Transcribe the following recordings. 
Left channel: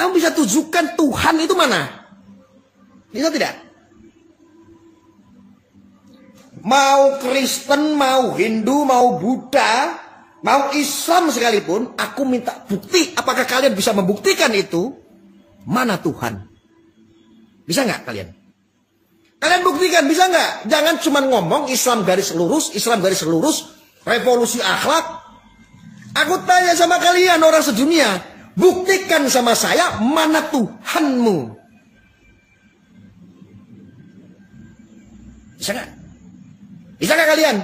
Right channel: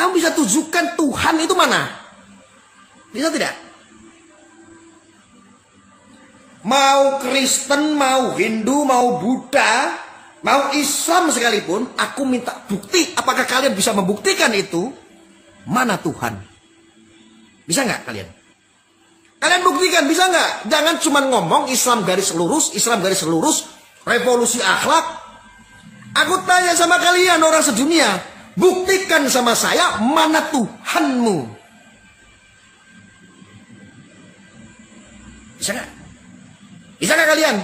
Kamu bisa tunjukkan Tuhan itu mana? Bisa tidak? Mau Kristen, mau Hindu, mau Buddha, mau Islam sekalipun, aku minta bukti. Apakah kalian bisa membuktikan itu? Mana Tuhan? Bisa nggak kalian? Kalian buktikan, bisa nggak? Jangan cuma ngomong Islam garis lurus, Islam garis lurus, revolusi akhlak. Aku tanya sama kalian orang sedunia, buktikan sama saya mana Tuhanmu? Bisa nggak? Bisa nggak kalian?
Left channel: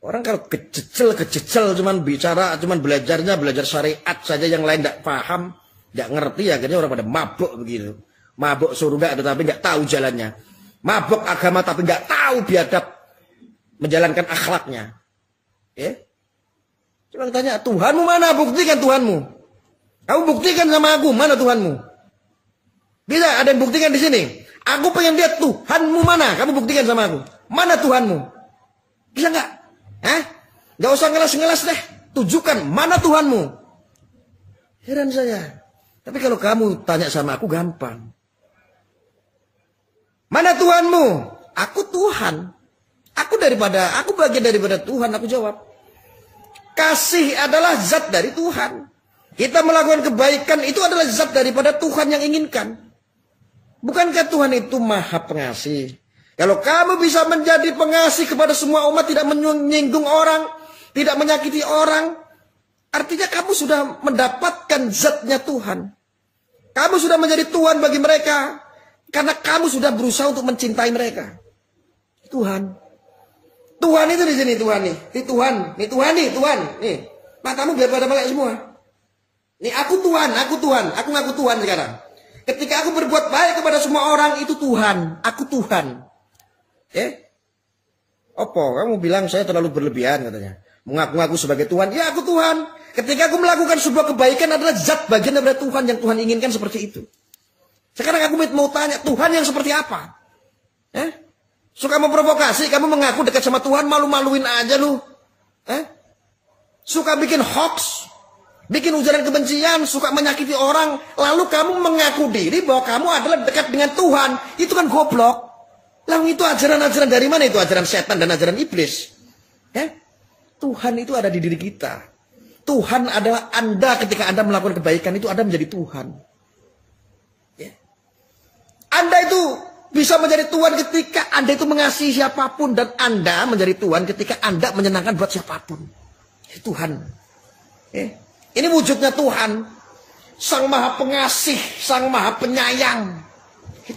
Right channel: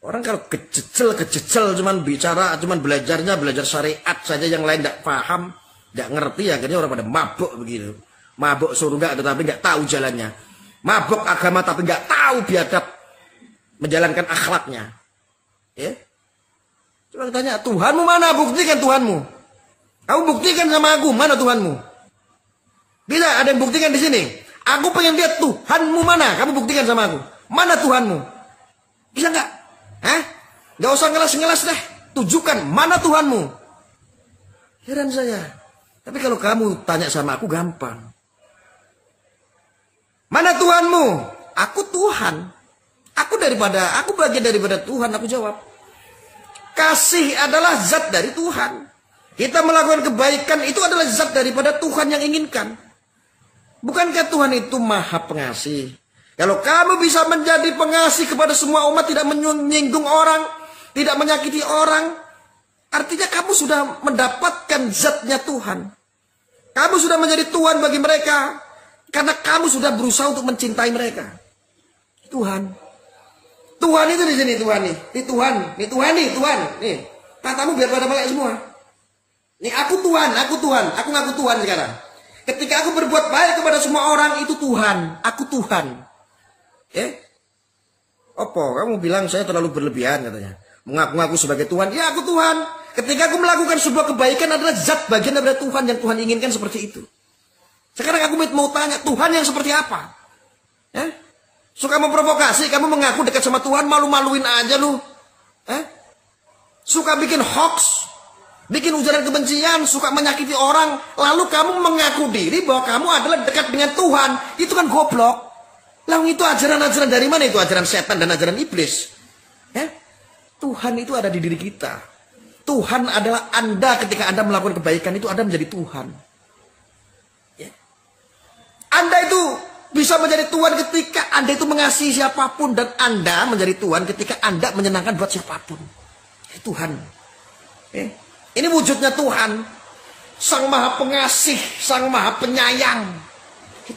Orang kalau kececel cuman bicara, cuman belajar syariat saja, yang lain tidak paham, tidak ngerti, akhirnya orang pada mabuk begitu. Mabuk surga tetapi nggak tahu jalannya. Mabuk agama tapi nggak tahu biadab menjalankan akhlaknya. Ya? Coba tanya, Tuhanmu mana? Buktikan Tuhanmu. Kamu buktikan sama aku, mana Tuhanmu? Bisa ada yang buktikan di sini? Aku pengen lihat Tuhanmu mana? Kamu buktikan sama aku. Mana Tuhanmu? Bisa nggak? Hah? Nggak usah ngelas-ngelas dah. Tunjukkan mana Tuhanmu. Heran saya. Tapi kalau kamu tanya sama aku gampang. Mana Tuhanmu? Aku Tuhan. Aku bagian daripada Tuhan. Aku jawab. Kasih adalah zat dari Tuhan. Kita melakukan kebaikan itu adalah zat daripada Tuhan yang inginkan. Bukankah Tuhan itu maha pengasih? Kalau kamu bisa menjadi pengasih kepada semua umat, tidak menyinggung orang, tidak menyakiti orang, artinya kamu sudah mendapatkan zatnya Tuhan. Kamu sudah menjadi Tuhan bagi mereka, karena kamu sudah berusaha untuk mencintai mereka. Tuhan itu di sini, Tuhan nih. Tuhan. Nih, matamu biar pada melek semua. Nih, aku Tuhan, aku ngaku Tuhan sekarang. Ketika aku berbuat baik kepada semua orang, itu Tuhan. Aku Tuhan. Apa? Kamu bilang saya terlalu berlebihan katanya. Mengaku-ngaku sebagai Tuhan. Ya, aku Tuhan. Ketika aku melakukan sebuah kebaikan adalah zat bagian dari Tuhan yang Tuhan inginkan seperti itu. Sekarang aku mau tanya, Tuhan yang seperti apa? Suka memprovokasi, kamu mengaku dekat sama Tuhan, malu-maluin aja lu. Suka bikin hoax. Bikin ujaran kebencian, suka menyakiti orang, lalu kamu mengaku diri bahwa kamu adalah dekat dengan Tuhan. Itu kan goblok. Lalu itu ajaran-ajaran dari mana? Itu ajaran setan dan ajaran iblis. Tuhan itu ada di diri kita. Tuhan adalah Anda ketika Anda melakukan kebaikan itu Anda menjadi Tuhan. Anda itu bisa menjadi Tuhan ketika Anda itu mengasihi siapapun, dan Anda menjadi Tuhan ketika Anda menyenangkan buat siapapun. Tuhan. Ini wujudnya Tuhan. Sang Maha Pengasih, Sang Maha Penyayang.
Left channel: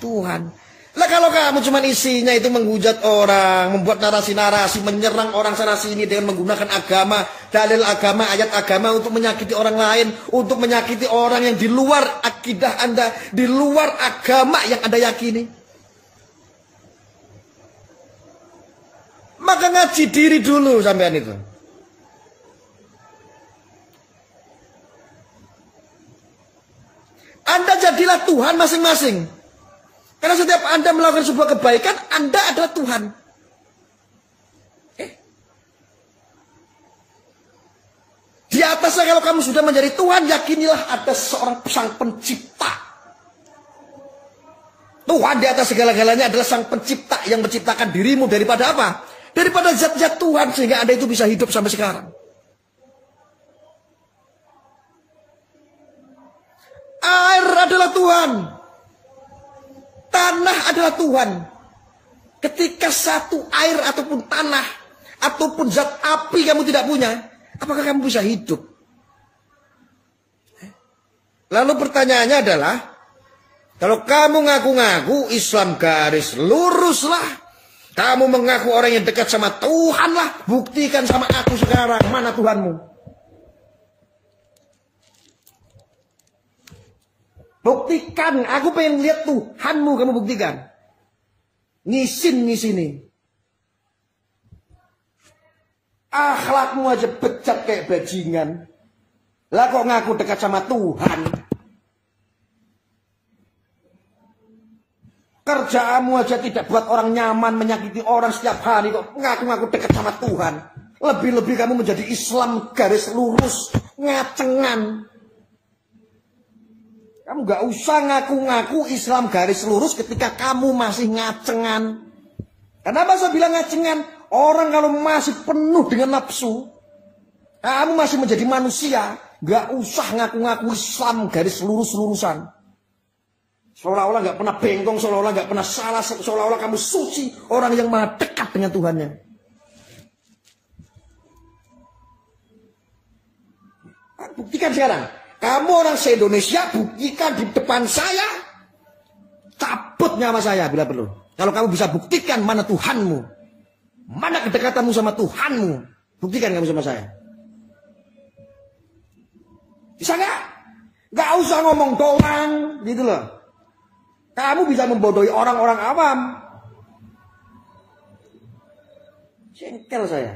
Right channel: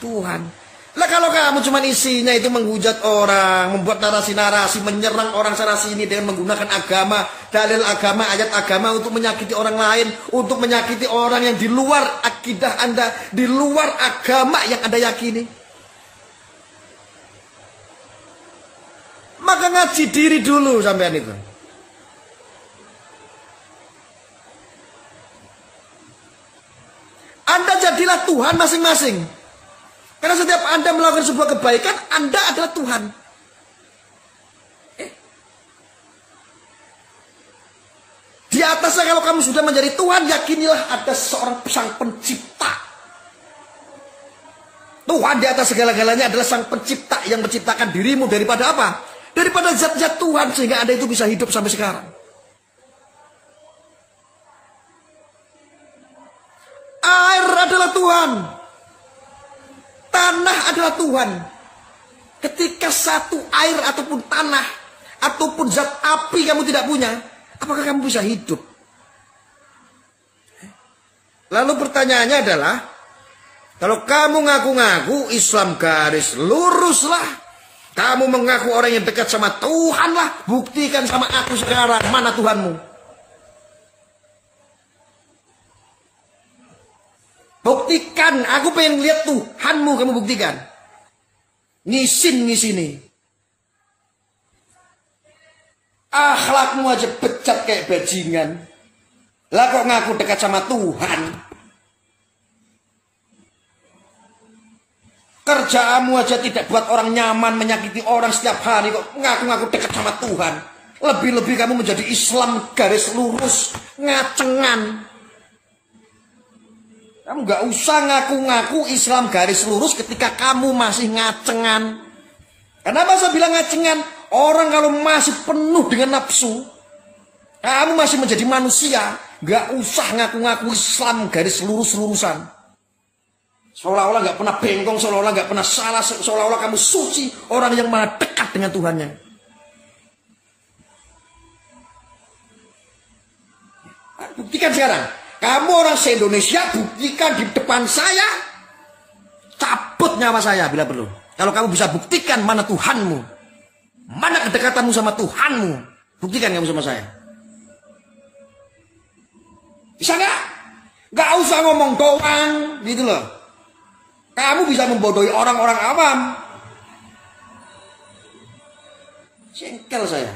Tuhan. Nah kalau kamu cuma isinya itu menghujat orang, membuat narasi-narasi, menyerang orang sana sini dengan menggunakan agama, dalil agama, ayat agama untuk menyakiti orang lain, untuk menyakiti orang yang di luar akidah Anda, di luar agama yang Anda yakini. Maka ngaji diri dulu sampean itu. Anda jadilah Tuhan masing-masing. Karena setiap Anda melakukan sebuah kebaikan, Anda adalah Tuhan. Di atasnya kalau kamu sudah menjadi Tuhan, yakinilah ada seorang sang pencipta. Tuhan di atas segala-galanya adalah sang pencipta yang menciptakan dirimu daripada apa? Daripada zat-zat Tuhan, sehingga Anda itu bisa hidup sampai sekarang. Air adalah Tuhan. Tanah adalah Tuhan. Ketika satu air ataupun tanah ataupun zat api kamu tidak punya, apakah kamu bisa hidup? Lalu pertanyaannya adalah, kalau kamu ngaku-ngaku Islam garis lurus lah, kamu mengaku orang yang dekat sama Tuhan lah, buktikan sama aku sekarang mana Tuhanmu. Buktikan, aku pengen lihat Tuhanmu, kamu buktikan. Ngisin di sini. Akhlakmu aja becat kayak bajingan. Lah kok ngaku dekat sama Tuhan? Kerjaanmu aja tidak buat orang nyaman, menyakiti orang setiap hari, kok ngaku-ngaku dekat sama Tuhan. Lebih-lebih kamu menjadi Islam garis lurus, ngacengan. Kamu nggak usah ngaku-ngaku Islam garis lurus ketika kamu masih ngacengan. Kenapa saya bilang ngacengan? Orang kalau masih penuh dengan nafsu, kamu masih menjadi manusia, nggak usah ngaku-ngaku Islam garis lurus-lurusan. Seolah-olah nggak pernah bengkong, seolah-olah nggak pernah salah, seolah-olah kamu suci, orang yang maha dekat dengan Tuhannya. Buktikan sekarang. Kamu orang se-Indonesia, buktikan di depan saya. Cabut nyawa saya bila perlu. Kalau kamu bisa buktikan mana Tuhanmu, mana kedekatanmu sama Tuhanmu, buktikan kamu sama saya. Bisa nggak? Nggak usah ngomong doang, gitu loh. Kamu bisa membodohi orang-orang awam. Sengkel saya.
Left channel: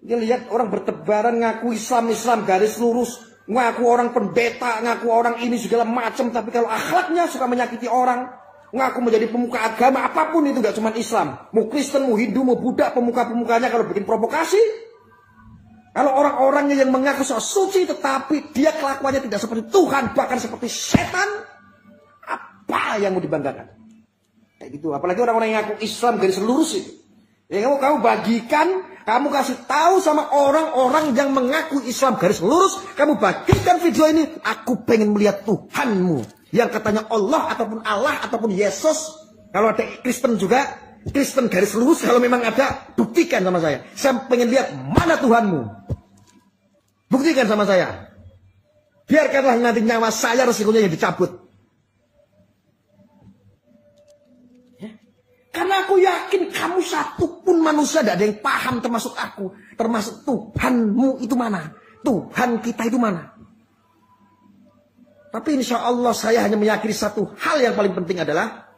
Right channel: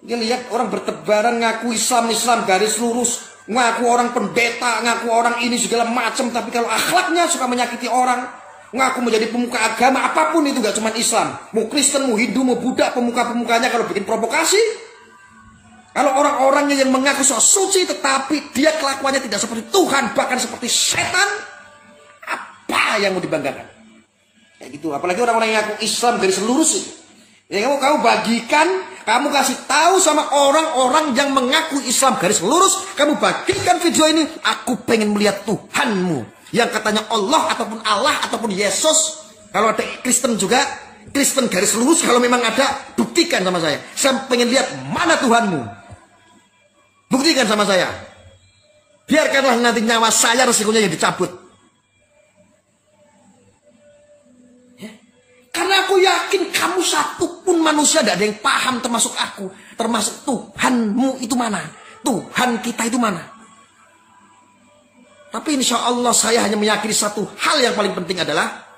Dia lihat orang bertebaran ngaku Islam garis lurus, ngaku orang pendeta, ngaku orang ini segala macam, tapi kalau akhlaknya suka menyakiti orang, ngaku menjadi pemuka agama apapun itu, gak cuma Islam, mau Kristen, mau Hindu, mau Buddha, pemuka-pemukanya kalau bikin provokasi. Kalau orang-orangnya yang mengaku sok suci tetapi dia kelakuannya tidak seperti Tuhan, bahkan seperti setan, apa yang mau dibanggakan? Kayak gitu. Apalagi orang-orang yang ngaku Islam garis lurus itu. Ya kamu bagikan, kamu kasih tahu sama orang-orang yang mengaku Islam garis lurus, kamu bagikan video ini. Aku pengen melihat Tuhanmu yang katanya Allah ataupun Yesus. Kalau ada Kristen juga, Kristen garis lurus, kalau memang ada, buktikan sama saya. Saya pengen lihat mana Tuhanmu. Buktikan sama saya. Biarkanlah nanti nyawa saya resikonya yang dicabut. Karena aku yakin kamu satupun manusia tidak ada yang paham, termasuk aku, termasuk Tuhanmu itu mana, Tuhan kita itu mana. Tapi insya Allah saya hanya meyakini satu hal yang paling penting adalah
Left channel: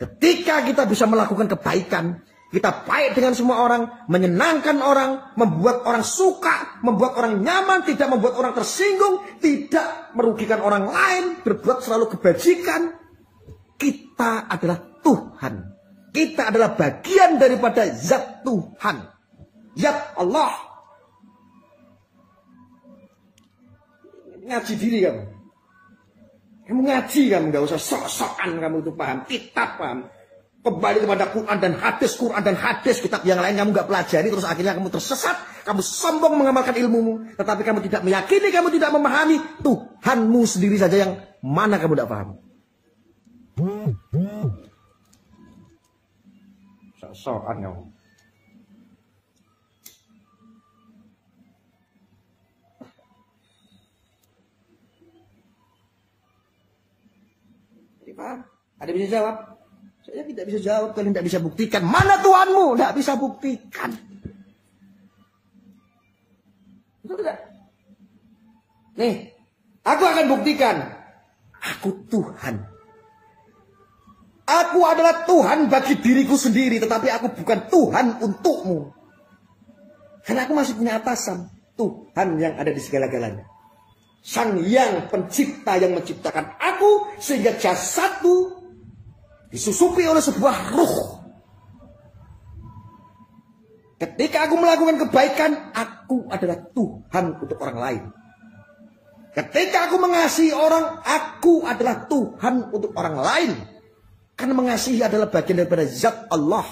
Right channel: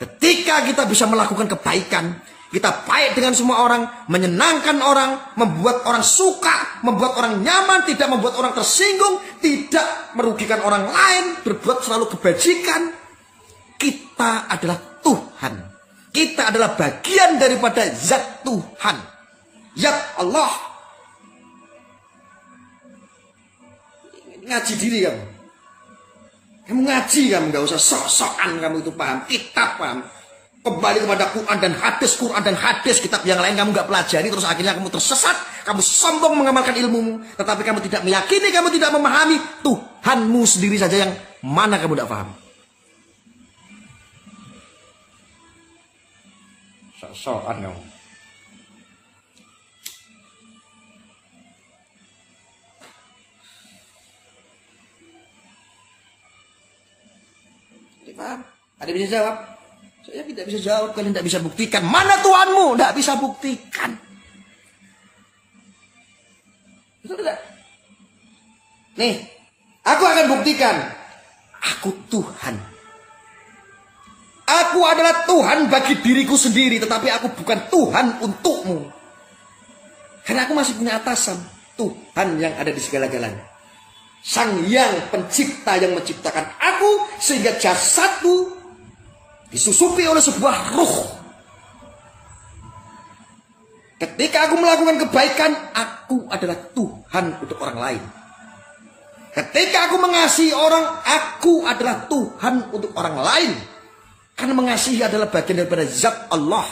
ketika kita bisa melakukan kebaikan, kita baik dengan semua orang, menyenangkan orang, membuat orang suka, membuat orang nyaman, tidak membuat orang tersinggung, tidak merugikan orang lain, berbuat selalu kebajikan. Kita adalah Tuhan. Kita adalah bagian daripada zat Tuhan. Zat Allah. Ngaji diri kamu. Kamu ngaji kamu. Gak usah sok-sokan kamu itu paham. Kitab paham. Kembali kepada Quran dan hadis. Kitab yang lain kamu gak pelajari. Terus akhirnya kamu tersesat. Kamu sombong mengamalkan ilmumu. Tetapi kamu tidak meyakini. Kamu tidak memahami. Tuhanmu sendiri saja yang mana kamu tidak paham. Sok-sokan kamu. Jadi paham? Ada bisa jawab? Saya tidak bisa jawab. Kalian tidak bisa buktikan. Mana Tuhanmu? Tidak bisa buktikan. Betul tidak? Nih, aku akan buktikan. Aku Tuhan. Aku adalah Tuhan bagi diriku sendiri, tetapi aku bukan Tuhan untukmu. Karena aku masih punya atasan, Tuhan yang ada di segala-galanya. Sang yang pencipta yang menciptakan aku, sehingga jasadku disusupi oleh sebuah ruh. Ketika aku melakukan kebaikan, aku adalah Tuhan untuk orang lain. Ketika aku mengasihi orang, aku adalah Tuhan untuk orang lain. Karena mengasihi adalah bagian daripada zat Allah.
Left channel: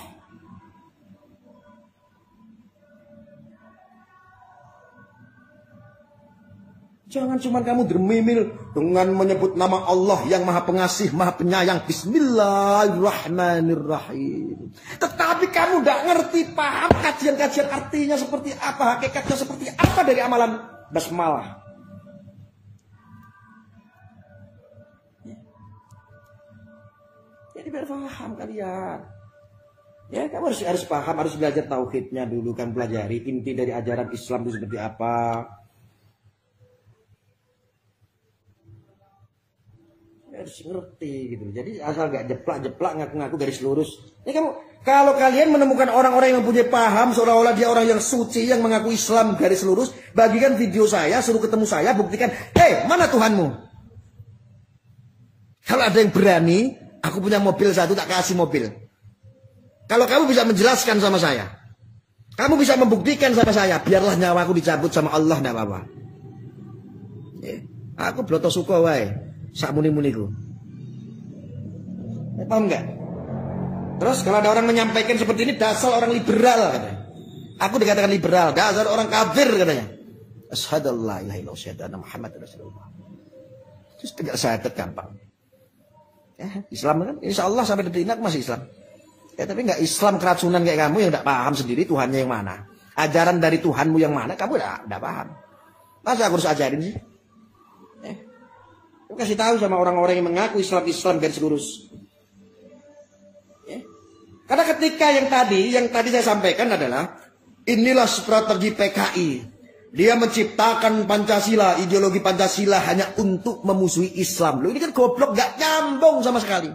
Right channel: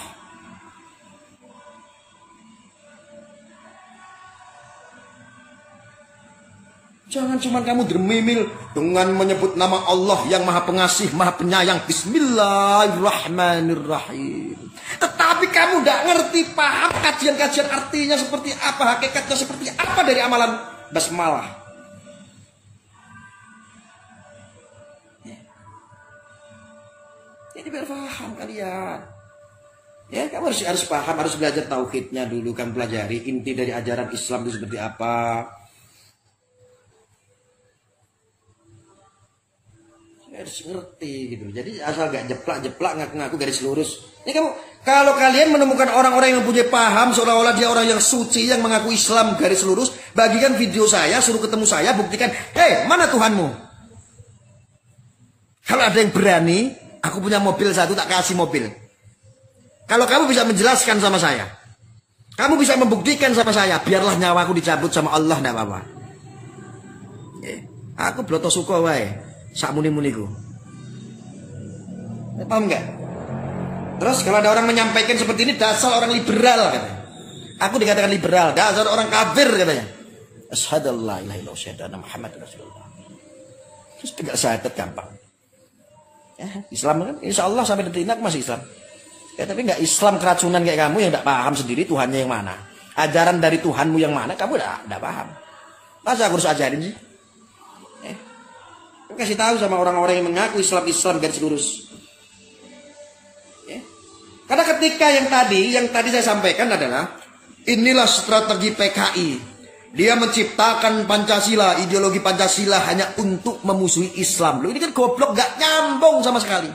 Jangan cuma kamu dermimil dengan menyebut nama Allah yang maha pengasih, maha penyayang. Bismillahirrahmanirrahim. Tetapi kamu tidak ngerti, paham kajian-kajian artinya seperti apa, hakikatnya seperti apa dari amalan basmalah. Ini biar paham kalian. Ya, kamu harus paham, harus belajar tauhidnya dulu. Kamu pelajari inti dari ajaran Islam itu seperti apa. Harus ngerti gitu. Jadi asal gak jeplak-jeplak ngaku-ngaku garis lurus. Ini kamu, kalau kalian menemukan orang-orang yang mempunyai paham seolah-olah dia orang yang suci yang mengaku Islam garis lurus, bagikan video saya, suruh ketemu saya, buktikan, mana Tuhanmu? Kalau ada yang berani, aku punya mobil satu, tak kasih mobil. Kalau kamu bisa menjelaskan sama saya, kamu bisa membuktikan sama saya, biarlah nyawaku dicabut sama Allah, tidak apa-apa. Aku bloto suko wae. sak muni-muniku. Paham nggak? Terus kalau ada orang menyampaikan seperti ini, dasar orang liberal katanya. Aku dikatakan liberal, dasar orang kafir katanya. Asyhadu an la ilaha illallah wa asyhadu anna Muhammadar Rasulullah. Terus tegak syahadat gampang. Ya, Islam kan, insya Allah sampai detik ini aku masih Islam. Ya, tapi nggak Islam keracunan kayak kamu yang nggak paham sendiri Tuhannya yang mana. Ajaran dari Tuhanmu yang mana, kamu nggak paham. Masa aku harus ajarin sih? Aku kasih tahu sama orang-orang yang mengaku Islam garis lurus. Karena ketika yang tadi saya sampaikan adalah inilah strategi PKI. Dia menciptakan Pancasila, ideologi Pancasila hanya untuk memusuhi Islam. Loh, ini kan goblok, gak nyambung sama sekali.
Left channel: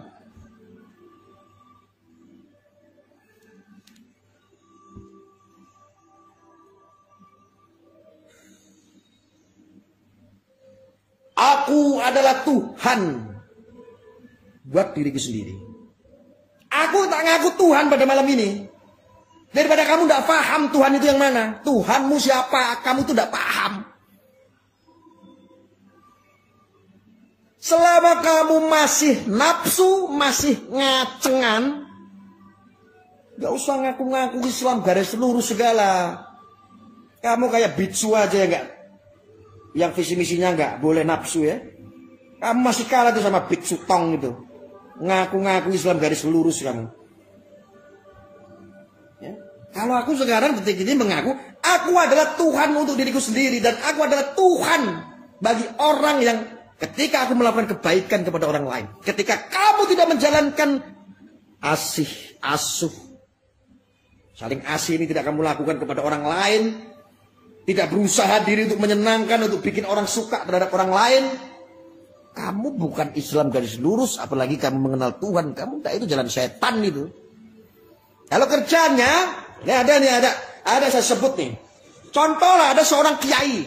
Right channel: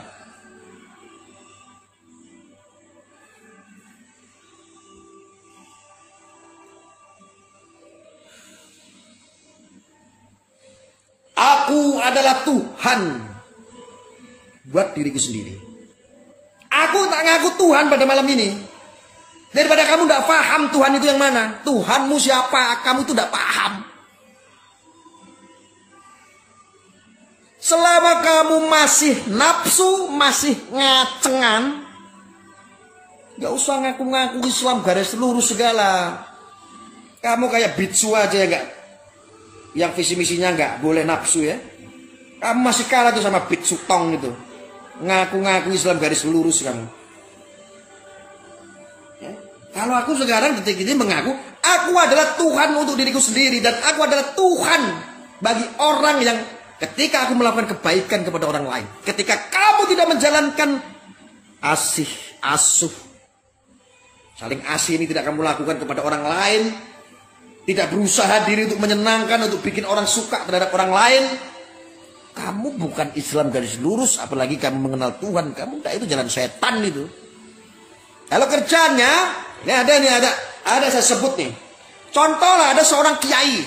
Aku adalah Tuhan buat diriku sendiri. Aku tak ngaku Tuhan pada malam ini. Daripada kamu tidak paham Tuhan itu yang mana. Tuhanmu siapa, kamu itu tidak paham. Selama kamu masih nafsu, masih ngacengan, gak usah ngaku-ngaku Islam garis lurus segala. Kamu kayak bitsu aja ya gak? Yang visi misinya gak boleh nafsu ya. Kamu masih kalah tuh sama bitsu tong gitu. Ngaku-ngaku Islam garis lurus kamu. Kalau aku sekarang detik ini mengaku, aku adalah Tuhan untuk diriku sendiri. Dan aku adalah Tuhan bagi orang yang ketika aku melakukan kebaikan kepada orang lain. Ketika kamu tidak menjalankan asih, asuh. Saling asih ini tidak kamu lakukan kepada orang lain. Tidak berusaha diri untuk menyenangkan, untuk bikin orang suka terhadap orang lain. Kamu bukan Islam garis lurus, apalagi kamu mengenal Tuhan. Kamu itu jalan setan itu. Kalau kerjanya, ada saya sebut nih. Contoh lah, ada seorang kiai.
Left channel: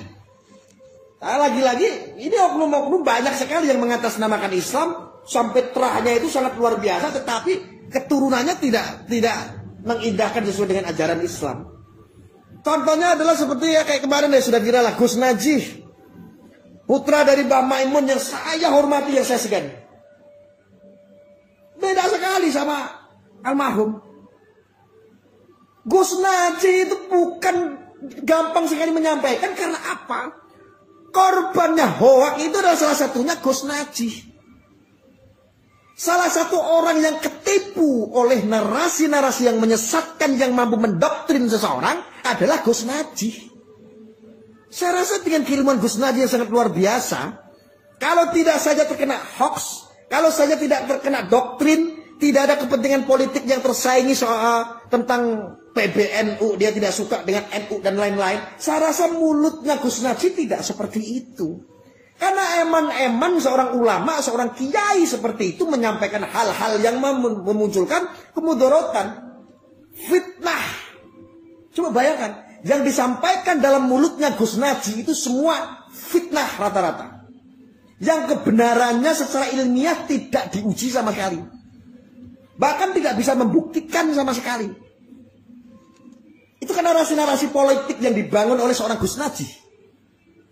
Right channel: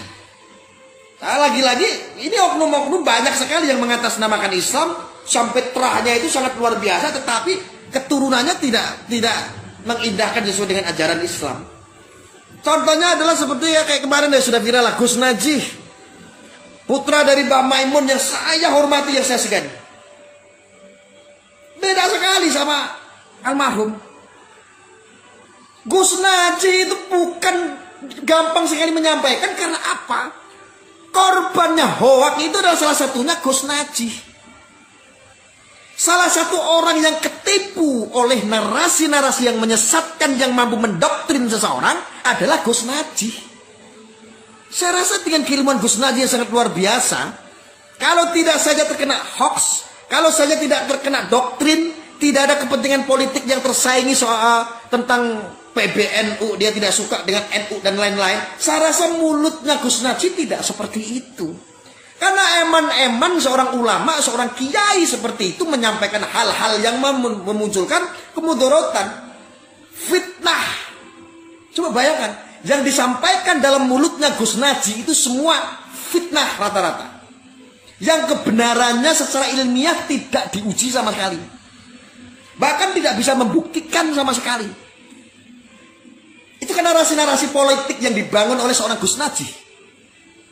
Lagi-lagi, ini oknum-oknum banyak sekali yang mengatasnamakan Islam. Sampai terahnya itu sangat luar biasa, tetapi keturunannya tidak mengindahkan sesuai dengan ajaran Islam. Contohnya adalah seperti ya kayak kemarin ya sudah viral lah, Gus Najih. Putra dari Mbah Maimun yang saya hormati, yang saya segani. Beda sekali sama almarhum. Gus Najih itu bukan gampang sekali menyampaikan karena apa? Korbannya hoak itu adalah salah satunya Gus Najih. Salah satu orang yang ketipu oleh narasi-narasi yang menyesatkan, yang mampu mendoktrin seseorang adalah Gus Najih. Saya rasa dengan kiriman Gus Najih yang sangat luar biasa, kalau tidak saja terkena hoax, kalau saja tidak terkena doktrin, tidak ada kepentingan politik yang tersaingi soal tentang PBNU, dia tidak suka dengan NU dan lain-lain. Saya rasa mulutnya Gus Najih tidak seperti itu. Karena eman-eman seorang ulama, seorang kiai seperti itu menyampaikan hal-hal yang memunculkan kemudorotan, fitnah. Coba bayangkan, yang disampaikan dalam mulutnya Gus Najih itu semua fitnah rata-rata. Yang kebenarannya secara ilmiah tidak diuji sama sekali. Bahkan tidak bisa membuktikan sama sekali. Itu kan narasi-narasi politik yang dibangun oleh seorang Gus Najih.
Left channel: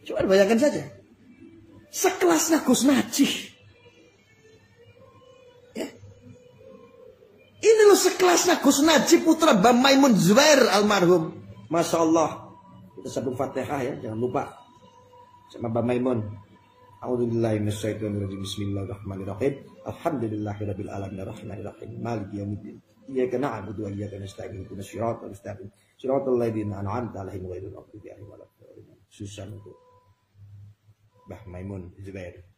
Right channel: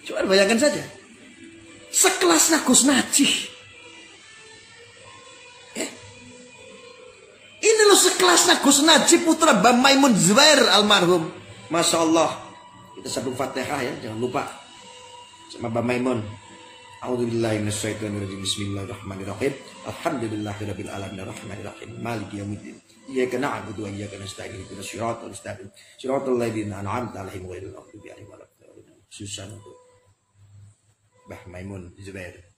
Coba bayangkan saja. Sekelasnya Gus Najih. Ini loh sekelasnya Gus Najih, putra Mbah Maimun Zubair almarhum. Masya Allah. Kita sambung Fatihah ya, jangan lupa. Sama Mbah Maimun. A'udzubillahi minasyaitonirrajim. Bismillahirrahmanirrahim. Alhamdulillahirabbil alamin arrahmanirrahim. Maliki yaumiddin. Iyyaka na'budu wa iyyaka nasta'in. Ihdinas siratal mustaqim. Siratal ladzina an'amta 'alaihim ghairil maghdubi 'alaihim waladdallin. Susah untuk Mbah Maimun Zubair.